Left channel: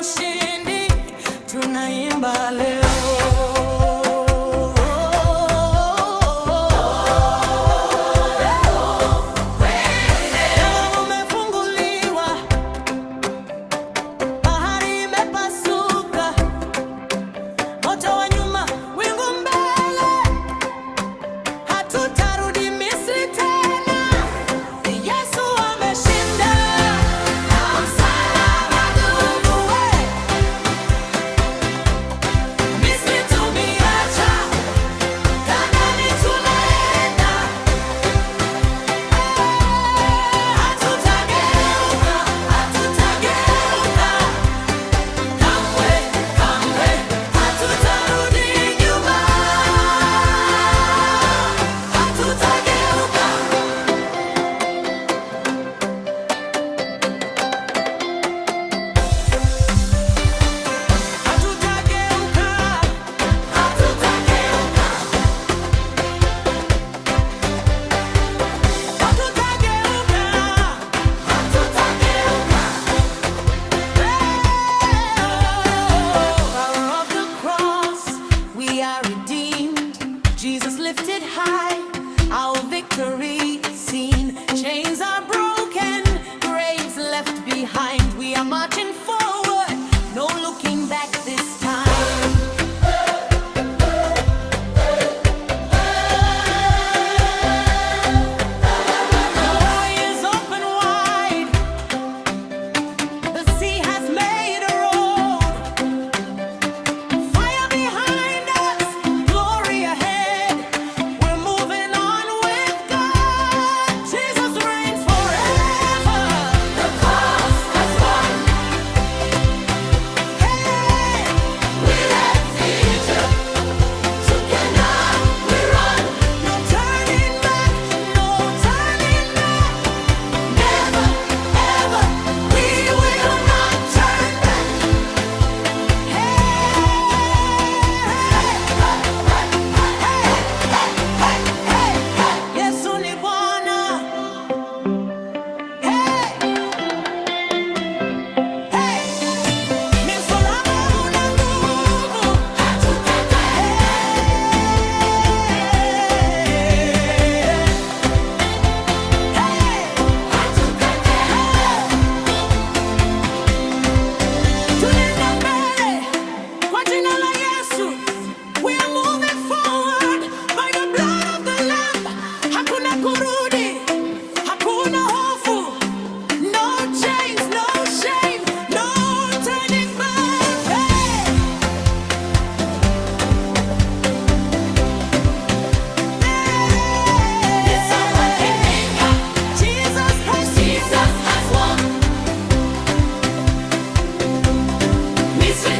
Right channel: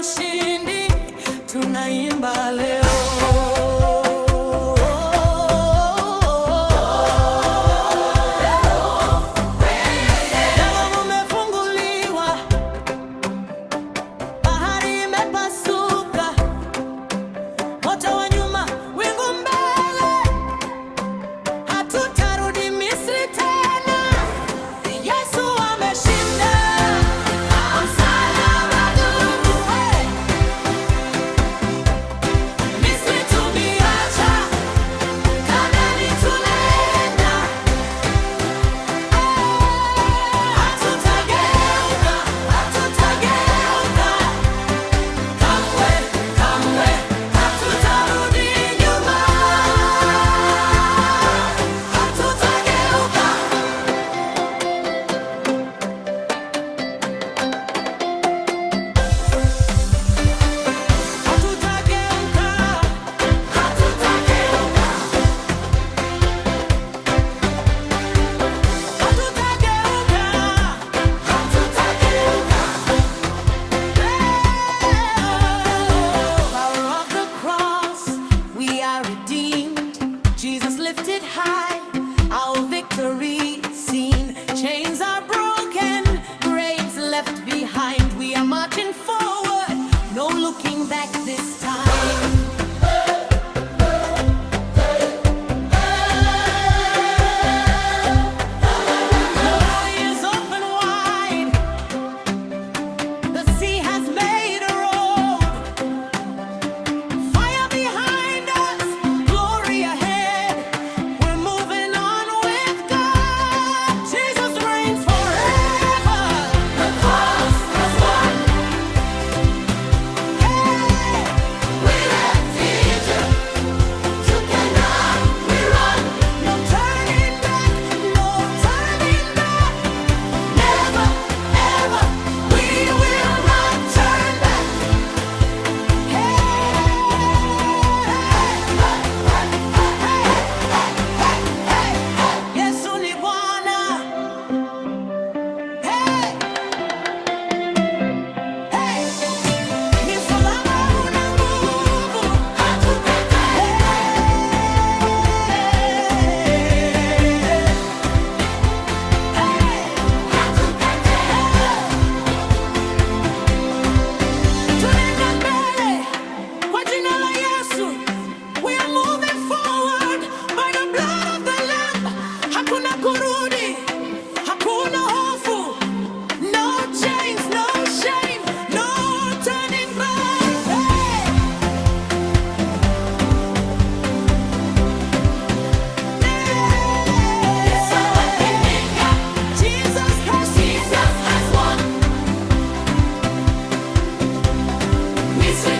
ushindi tunaimba leo. Jesus lifted high, our victory seen. Chains are broken, graves left behind. We are marching forward, no looking back this time. The way is open wide, the sea has made a road. Fire behind us, glory ahead. We're moving on with God. Jesus reigns forever. The cross has won. Hey, we left Egypt to Canaan. We run. No turning back, no turning back. Never, ever, we will not turn back. Hey, Yesu ni Bwana. Hey, hey, ni msalaba una nguvu. Hey, tunaenda mbele kwa jina la Yesu. We are moving forward by the blood of the Lamb. Hakuna kurudi, hakuna hofu. No chains, no shame, no turning back. Hey! Jesus has won. Mystery